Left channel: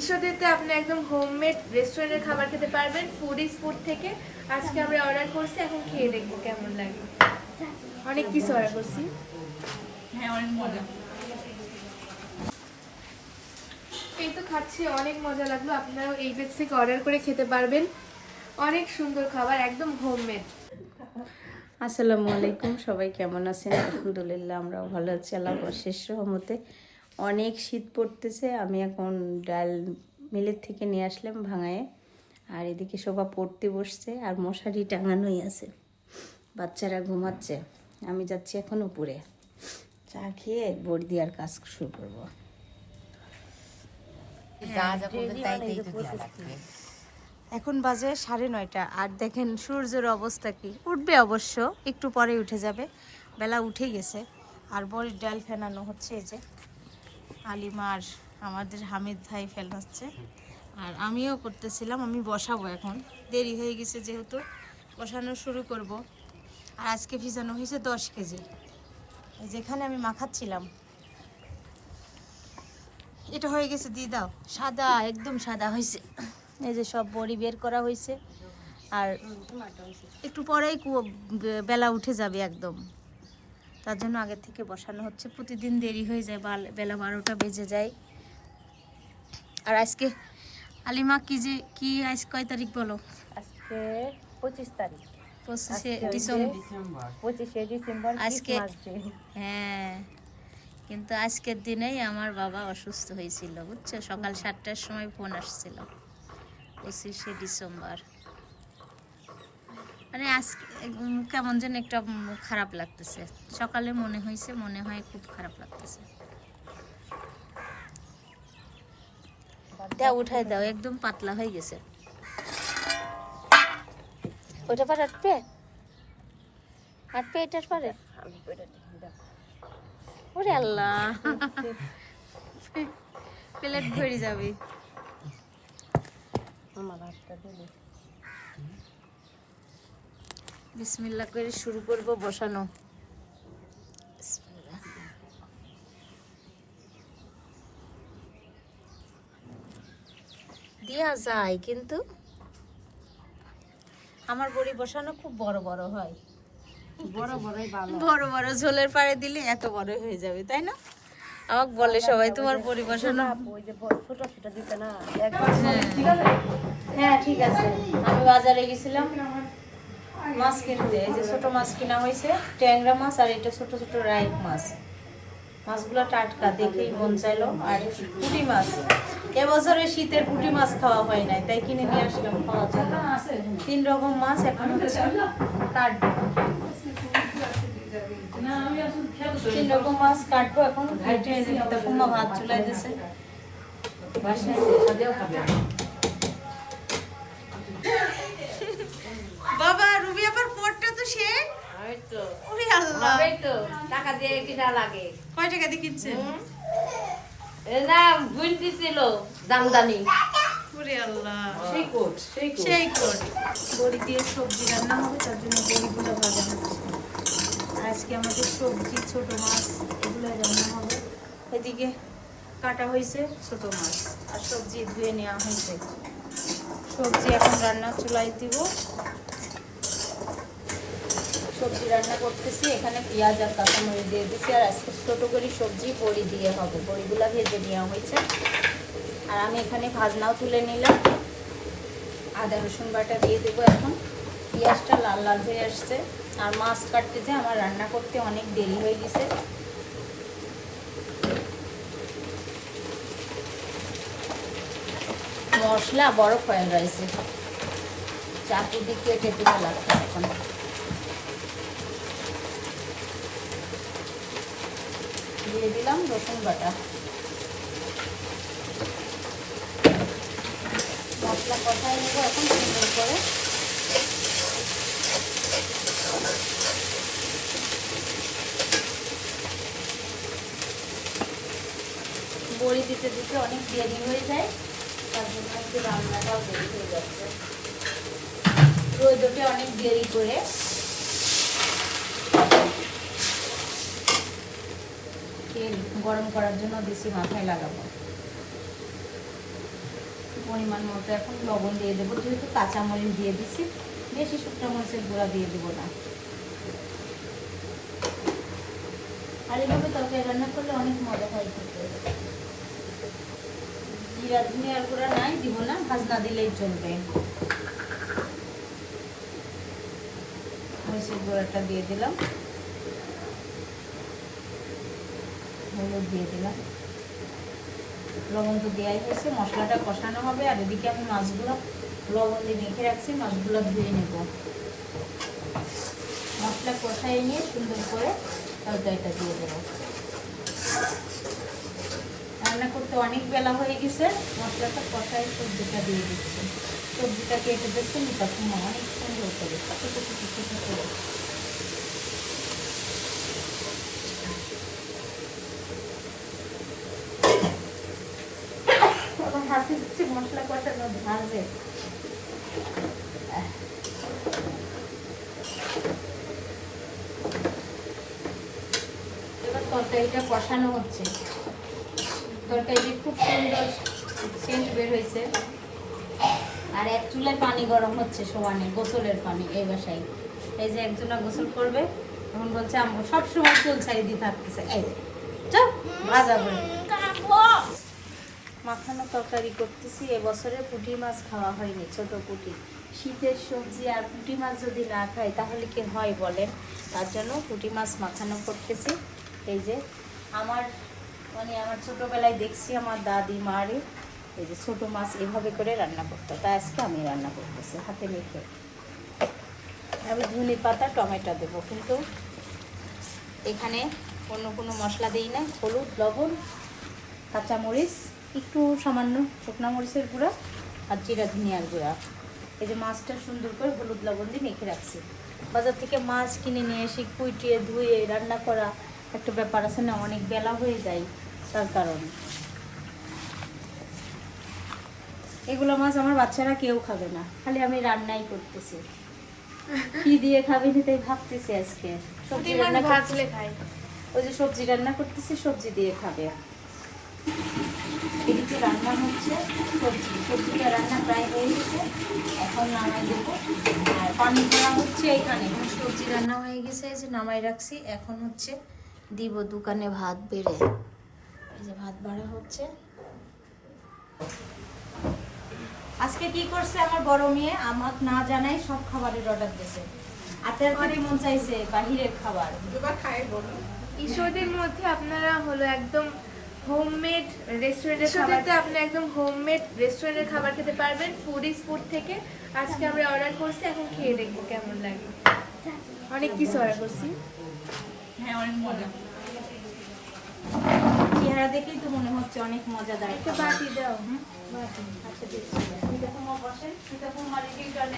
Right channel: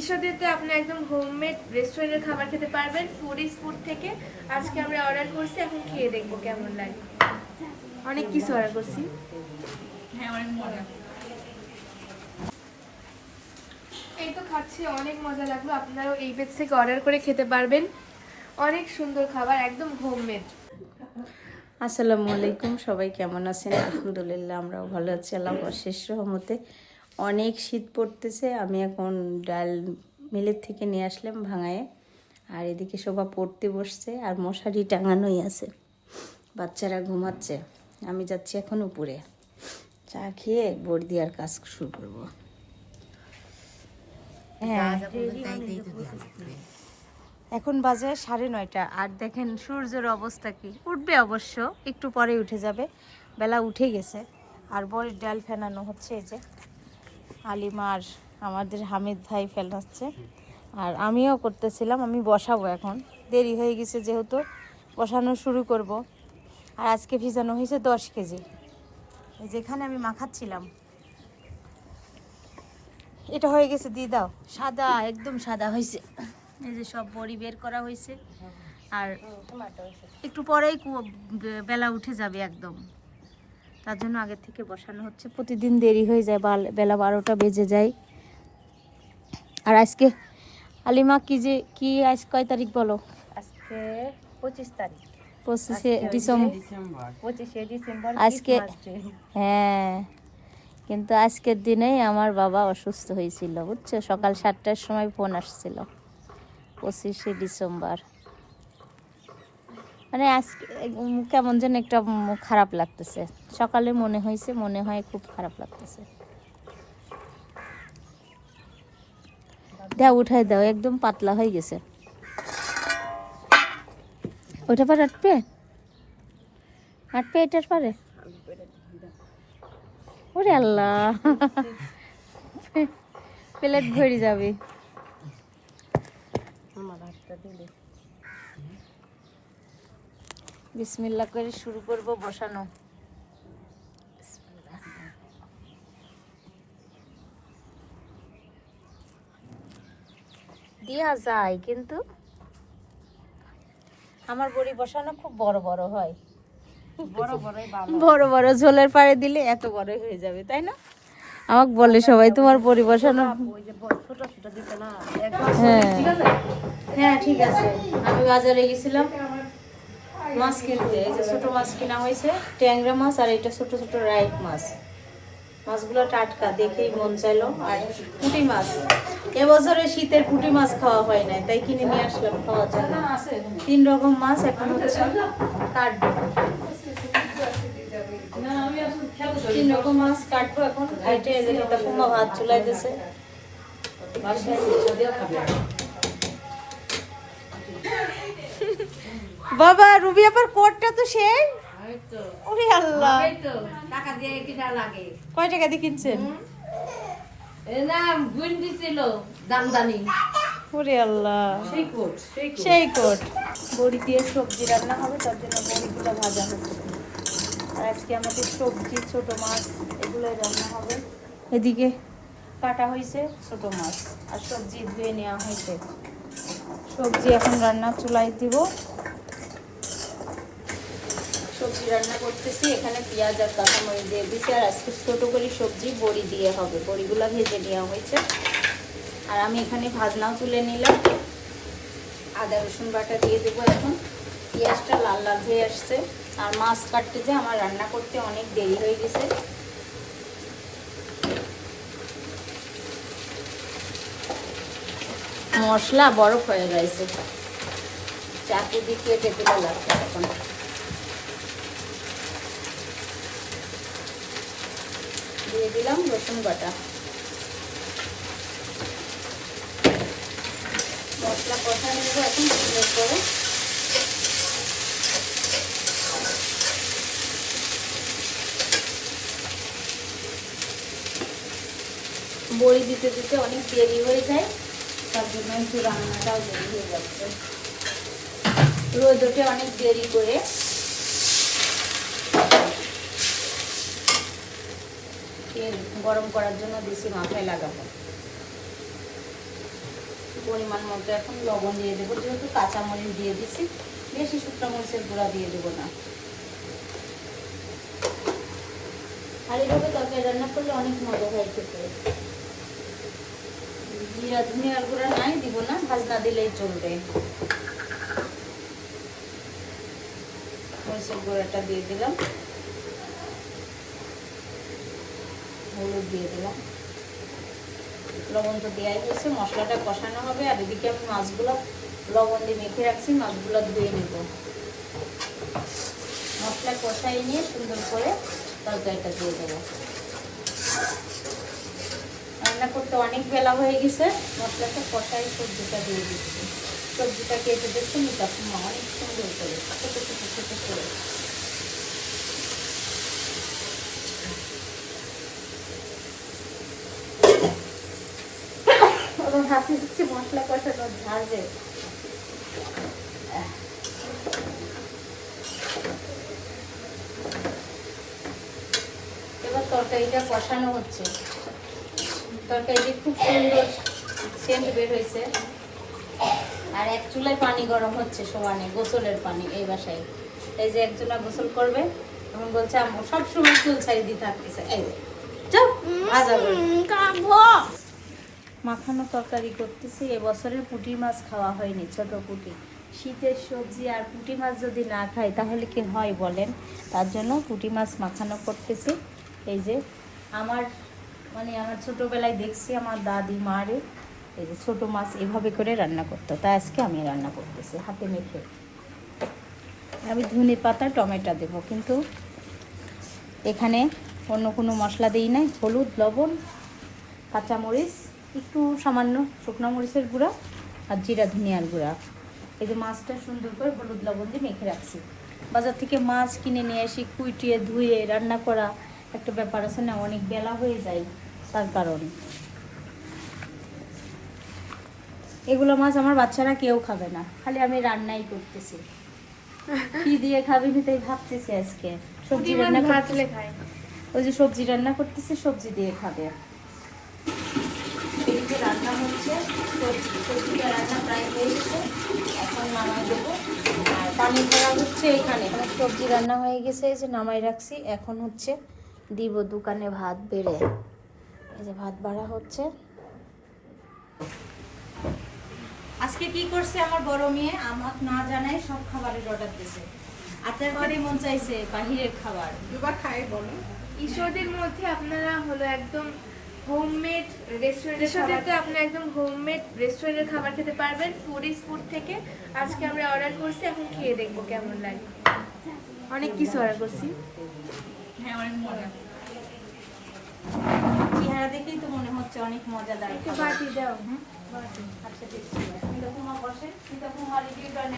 ঈশ্বরদীতে আপনি একদম হোমমেড রেস্টুরেন্টের খাবার খেতে পারবেন ফুডিজ ফুড থেকে। আজকে আমরা অর্ডার করছি, এখন খেয়ে দেখবো কেমন লাগে। অনেক কিছু অর্ডার করছি। হ্যাঁ, অনেক মজা। এই তো খাচ্ছি, অনেক মজা লাগলো। আপনারাও এই পেজ থেকে অর্ডার করে খেতে পারবেন। অনেক সুন্দর খাবার, একদম হোমমেড। আসসালামু আলাইকুম, সবাই কেমন আছেন? আলহামদুলিল্লাহ আমরাও ভালো আছি, আল্লাহর শেষ রহমতে। অনেক শীত পড়তেছে। আমি এখন ডাল মিলের থেকে নিয়ে আসলাম ভাঙায়ে, আর এদিকে শোভা পড়তে বসছে আর মশারি টাঙানোই আছে, বাচ্চারা ঘুমাচ্ছে। আমি যাচ্ছি এখন উপরে, চা খেয়ে বড়ি আর কাজ শুরু করবো। এখন বাজে 9:30 আর দেখেন সূর্যের অবস্থা কি। উঠবে অবশ্য, একটু পরে উঠে যাবে, বেলা উঠে গেছে। আর বড়ির ডাল ফেনানো হচ্ছে, এই যে আলিমার আমাদের হামিদ ভাই ফেলাচ্ছে, আর আমিও করতেছিলাম। আমি বসাবো, এখন দেরি হয়ে গেছে যেহেতু বসানো শুরু করব। আর আজকে ভিজানো হয়েছে 10 কেজি। এই যেখানে আমি মাখাচ্ছিলাম এটা হয়ে গেছে, দিয়ে দাও। সাদা, একদম সাদা হয়েছে। এই যে সব বড়ি বের করা হয়েছে, আর একটু পরেই বেলা উঠে যাবে একদম, তার জন্য আগের থেকে বসানো হচ্ছে। প্রতিদিন দেরি হয়ে যায়, বেলা 12টা বেজে যায়। আর আজকে আলিমা কি আজ কয় তারিখ বলো? আজকে 25 তারিখ, 25শে ডিসেম্বর। 25শে ডিসেম্বর আজকে হ্যাঁ, কিন্তু আজকের দিনেই আমার বাবা অসুস্থ হয়েছিল, বুঝছো? সকাল 7টার সময় ফোন আসছিল, 25শে ডিসেম্বর। মানে আজকে কেমন যেন একটা খারাপ লাগতেছে। সকালে মনে হয় খুব খারাপ লাগতেছে। দাও, উঠাই দাও, একদম পাতলা হয়ে গেছে। ওইটা পর আটবে এটার পরে। ওরে আল্লাহ, প্লেট ভরে যাবে। আমার হাতটা দিলে বিসমিল্লাহ করে শুরু করব বসানো। দেয়া যায়, কিন্তু আমার বড়ি বসানো খুব বড় বড় হয়। বড় বড় ঝোলের পাড়ে দিলে এত বড় হয়ে যাবে, তাই না? আমাকে বলে সবাই, তোমার বড়ি বসানো। ছোট ছোট দিতে না। হ্যাঁ ঠিক আছে। আমি বাজারে গেছিলাম মাছ কিনতে, এই যে ছোট মাছ কিনা হয়েছে, ট্যাংরা মাছ, আর এটা ছোট ছোট রাইক মাছ। মাছগুলো টাটকা, দেখেই মন চাইলো। আর পুঁটি মাছ, এবছরে শীতের পুঁটি মাছ খাওয়া হয় নাই, তাই কিনে নিয়ে আসলাম খাওয়ার জন্য। 3 রকম মাছ এখন হচ্ছে কাটবো। 3 রকম মাছ কাটবো এখন, কেটে যেটা কুমা ভাত চুলাই দিয়েছে বাসায়। বাবা রুবি আপার কোটটা তো সেই। ওরে আল্লাহ, টাকা দিয়ে কিনা লাগে। কয় টাকা দিয়ে কিনছেন? না, বুন দিছিল দামদানি। ওরে আল্লাহ, সেই কোট। বড়ি দিয়ে সবজি রান্না হবে, তার জন্য বড়িগুলো ভাজা হচ্ছে। আর আজকে আমাদের সবজি ছোট মাছ এগুলো রান্না হবে। এদিকে কাটা হয়েছে ছোট মাছ, আর সবজি ধুয়ে নেওয়া হয়েছে। সবজি এখন রান্না চুলাই দিব। সবজি রান্না করতেছি, এখানে পেঁয়াজ আর কাঁচামরিচ দিয়ে দিচ্ছি। আর আজকে ছোটোগুলি সবজি বড়ি দিয়ে হবে, বড়িগুলো ভেজে নেওয়া হয়েছে। আর আমি এখানে ভাজনাও তুলে নিলাম। আদা রসুন বাটা দিয়ে দেবো এখন। পেঁয়াজটা লাল লাল হয়ে আসছে। আর মাছ কাটতে যে আমার রান্না করতে অনেক দেরি হয়ে গেছে। মশলা বরফ হয়ে গেছে, চাকু দিকে কেটে লাগছে এখন। দিয়ে দিলাম রসুন বাটা। মশলা কষায় নেব এখন সুন্দর করে। বড়ি দিতে দিতে অনেক দেরি হয়ে যায়, তার জন্য একটু রান্নাটাও দেরি হয়ে যাচ্ছে। রোজ ওঠে অনেক দেরি করে। তেল গরম করার জন্য দিছি, মাথায় লাগাবো। পরিমাণ মতো এখন লবণ দিয়ে দেবো, যেহেতু কাঁচামরিচ দিয়ে দিচ্ছি, বেশি শুকনো মরিচের গুঁড়া দিয়ে দেবো না। আর এইভাবে তরকারি রান্না করলে অনেক মজা হয় খেতে। জিরা ধনিয়ার গুঁড়া নাই, দিব না, ভাজনা দিলেই চলবে। মরিচের গুঁড়াটা দিয়ে দিলাম, হলুদ দিয়ে দিলাম, লবণ তো দেওয়াই হয়েছে। মশলাটা কষানো হবে, আর এদিকে আমি মাছগুলো লবণ দিয়ে মেখে রাখছি, মাছগুলো ধুয়ে নেব। মশলা কষাই নিয়ে সুন্দর করে তরকারিটা দিয়ে দেবো। রান্না করতে অনেক বেলা হয়ে গেছে, মশলাটা কষাই সবজিটা দিয়ে দিচ্ছি। সবজিটা কেটে দেখছি তখন অনেক সুন্দর করে ছোটো ছোটো ছোটো করে। হাসি দিচ্ছে মশলা কষানো ভাজে। এবার তরকারিটা কষানো হচ্ছে। তরকারিটি খুব সুন্দর সেন্ট বের হয়েছে। আর এক চুলায় পানি গরম হচ্ছে সমানে, গোসলের পানি এই বাসায়। এই যে একজনা গোসল করবে, এখন বলছে আমরা সবসময় চুল ছাড়ি দিয়ে থাকতেছে। এই চল ভাজা মাখানো তরকারি করতেছি। এবছরে পুঁটি মাছ খাওয়া হয়নি, ছোট পুঁটি। শীতের সবজি আর পুঁটি মাছ যদি না খাই তাহলে কি হয় বলেন? তার জন্য পুঁটি মাছ মাখানো করতেছি। এই যে আমার ছোটোবেলায় দেখছি আমার দাদি মারে এই যে ছোটো মাছ এভাবে করে রান্না করতো, তাই আজকে আমি রান্না করতেছি হাতে মেখে। আমি ধনে পাতা টমেটো দেবো, কিন্তু এখানে অন্য কোনো মশলা দিই নাই। হলুদ, লবণ, কাঁচামরিচ, একটু সামান্য শুকনো মরিচের গুঁড়া আর জিরা ধনিয়ার গুঁড়া। এই যে মাছটা সুন্দর করে হলুদ লবণ দিয়ে মেখে রাখছি। বাজার থেকে মাছ কিনে নিয়ে এসে কুইটিয়ে ধুয়ে রান্না করা একটা ব্যাপার আছে না, অনেক বেলা হয়ে যায়। তার কারণে এগুলো মাছ আমার বাচ্চারা কেউ খাবে না, খালি আমি রান্নাই করতেছি। কি দিয়ে খাবে না তাই ভাবতেছি আজকে। সবজি রান্না ভাজলে খায়, ওই যে সবজি রান্না করতেছি, সবজি দিয়ে খাবে। এদিকে রান্না হচ্ছে সবজিটা রান্না প্রায় হয়ে গেছে, এখন নামাই দেবো। আর পানি ভরা হচ্ছে এখানে। সবজি রান্না হয়ে গেছে, এই যে নামাই রাখছি। এখন হচ্ছে দিব দোকানে ভাত বেড়ে। এই যে ভাত বাড়া হচ্ছে। আজকে কি করছে আমার বড় মেয়ে, আমার না জানাই সব খাবারের অর্ডার দিয়েছে। আপনার অনেক মন চাইছে বাহিরের খাবার। ঈশ্বরদের মধ্যে আপনারা হলো একদম হোমমেড রেস্টুরেন্টের আপনি একদম হোমমেড রেস্টুরেন্টের খাবার খেতে পারবেন ফুড ইজ ফুড থেকে। আজকে আমরা অর্ডার করছি, এখন খেয়ে দেখবো কেমন লাগে। অনেক কিছু অর্ডার করছি। হ্যাঁ, অনেক মজা। চেহারা দেখেই তো মনে হচ্ছে অনেক মজাদার। একটা বাটি দাও। আচ্ছা দেখছি। মিতাকুমা বসে, মিতাকুমা রিভিউ করে।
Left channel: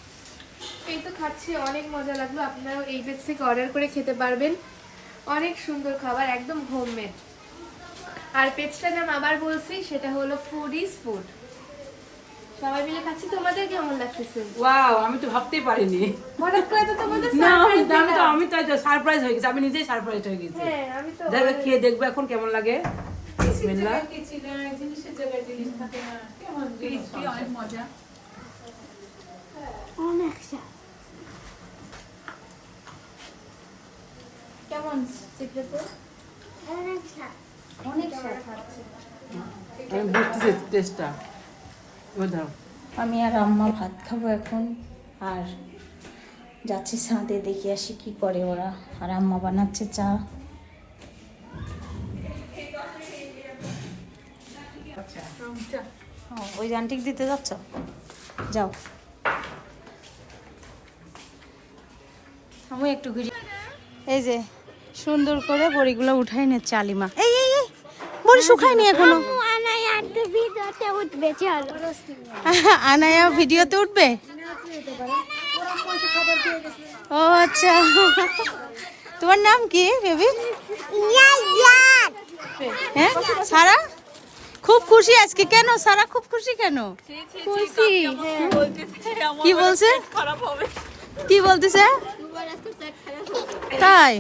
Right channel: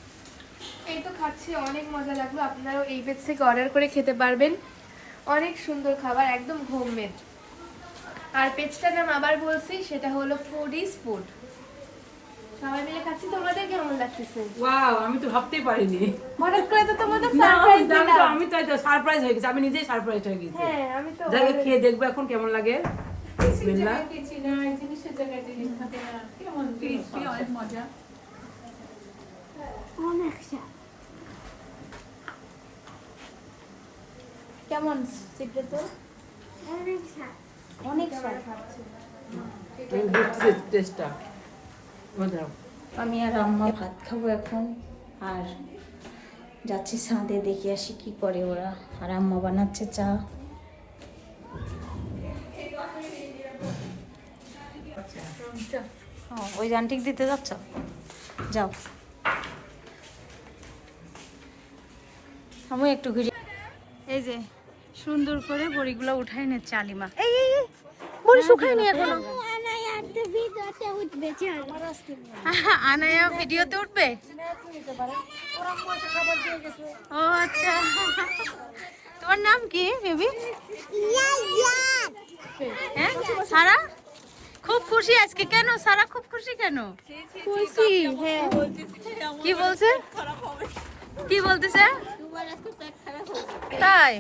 এই তো খাচ্ছি, অনেক মজা লাগলো। আপনারাও এই পেজ থেকে অর্ডার করে খেতে পারবেন। অনেক সুন্দর খাবার, একদম হোমমেড। আর পেজটার নাম আবার বলছি, সেটা হলো ফুড ইজ ফুড। সবাই মিলে খাচ্ছি। তোমাদের কেমন লাগতেছে? ওয়াও, আমি তো ভাবতেই পারিনি। হঠাৎ করে তো তোমাদের না, সারপ্রাইজ আমি তো সারপ্রাইজ হয়ে গেছি, আমি নিজেই সারপ্রাইজ হয়ে গেছি। হ্যাঁ, আমি তো যাই হোক, খেয়ে দেখবো এখন কেমন লাগে। বিসমিল্লাহ। অনেক মজা। কেমন চিত্রে তো অনেক স্বাদ। আমি বুঝছি টেস্টটা। দাও। আমি আর আম্মা ভাত খাবো এখন, আর যাচ্ছি ছাদে, দেখে আসি কি করে ওরা। আর আম্মা বানাচ্ছে চা। ওই আন্টিক দিতে যাচ্ছ? যাও, আমি একটু ঘুরে। এই যে সুন্দর করে বড়িগুলো উঠাই নিচ্ছে আলিমা। এই বড়ি শুকায়নি এখনো। আনায়া ভিডিওতে উঠবে? ও আচ্ছা, তোমার নাম কি বেবি? হ্যাঁ, সারা খুব খুশি আজকে। কেন সারা খুব খুশি কেন? খুশি। কি বলছে? কি বলতেছে? তাই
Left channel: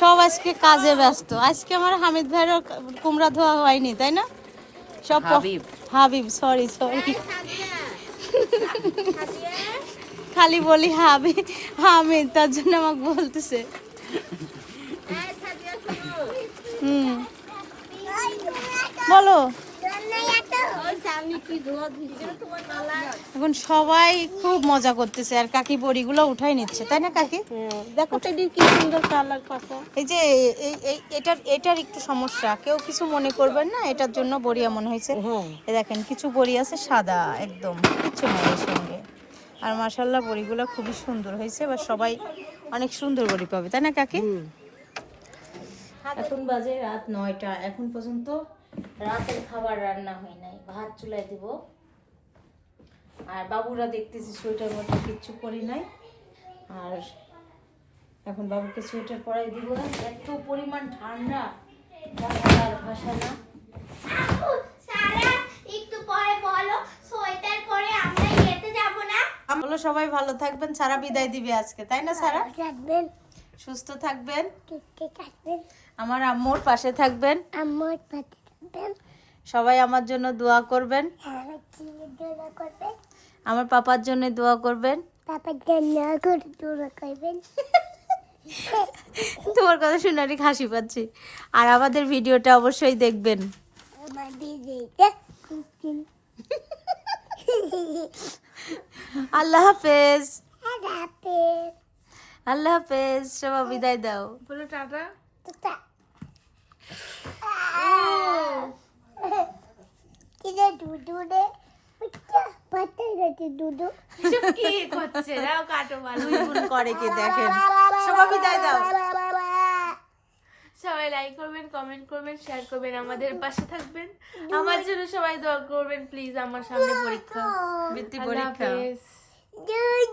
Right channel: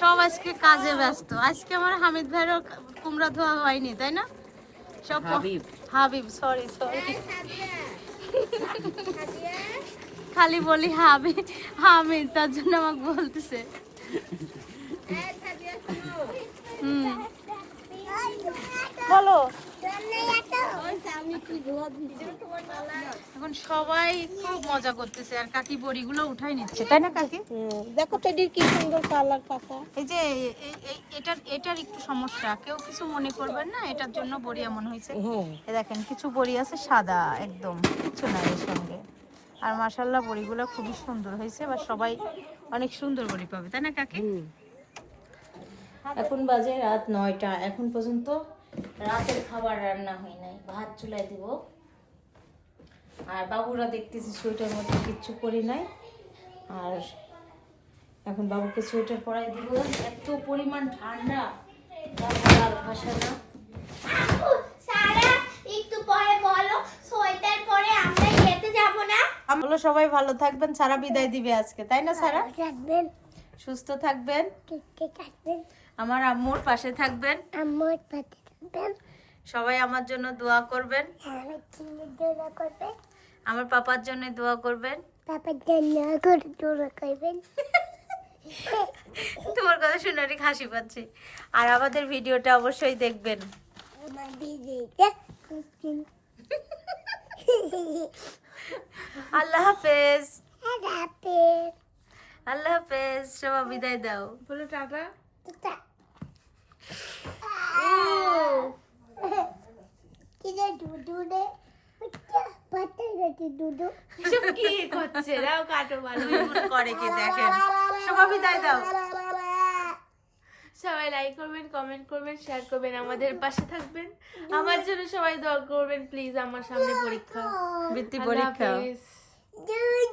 সব আজকে কাজে ব্যস্ত। আজকে আমার হামিদ ভাইয়েরও কুমড়া ধোয়া হয়নি, তাই না? সব হাবিব, সরি খালি বলি হামিদ, তার জন্য আমাকে বলতেছে। বলো, এখন সবাই খুব মজা করতেছে আর কাকি বড়িগুলো উঠাই নিচ্ছে, তাই না কাকি? দেখো টেডির কি সুন্দর কালার পাতা। এই যে এটার একটু সমস্যা, কেউ কিছু মনে করবেন না, এটার জন্য বড়ি এমন হয়েছে। এই দেখেন কিছু বড়ি আছে সাদা একদম, কিছু নাই এর সঙ্গে। আর মাশাআল্লাহ বড়িগুলো খুবই সুন্দর হয়েছে, বা সবাই অনেক সুন্দর বড়ি পাবে, তাই না কাকি? এখন বাজে রাত 9টা, এখন পর্যন্ত রাতের খাবার রান্না হয় নাই। ভাত চুলায় দিব, আর বাবুরা দেখতেছি সোয়েটার মধ্যে কিচ্ছু করি নাই। আর এখন বাবুকে সোয়েটার পরাই দিব। এত পরিমাণ ঠান্ডা আর ভাষা না। একটু পরে বলো সোয়েটার পরে আমরা যেতে যাব না। বলো সবাই ভালো থাকবেন, সারা বিদায় দিবে আজকে, তাই না সারা? থাকবেন, সুস্থ থাকবেন, ঠিক থাকবেন, আমার আম্মুর পাশে থাকবেন, আমার পাশে থাকবেন, সবাই আমার জন্য দোয়া করবেন, আমার জন্য দোয়া করবেন, আমার পাপার জন্য দোয়া করবেন। পাপার জন্য করে দোয়া করবেন। তোমার কথা শুনে অনেক হাসি পাচ্ছি। আর আমাদের ভিডিওটা অবশ্যই দেখবেন। আমার দিদিটা আল্লাহ হাফেজ, হাফেজ। আল্লাহ হাফেজ, সবাই বিদায় দাও। বলো টাটা। কিরে দুধু রে পাতা গেছে দুধু। এসব কি করছে? দাও কাটো ভালো। করে কি দেখেন, সবাই বিদায় দাও। সবাই লাইক করবেন, কমেন্ট করবেন, শেয়ার করবেন, আমাদের পাশে থাকবেন। আমার জন্য সবাই দোয়া করবেন প্লিজ। আমার সামনে পরীক্ষা, বৃত্তি আল্লাহ পরীক্ষা। হাফেজ। দুধ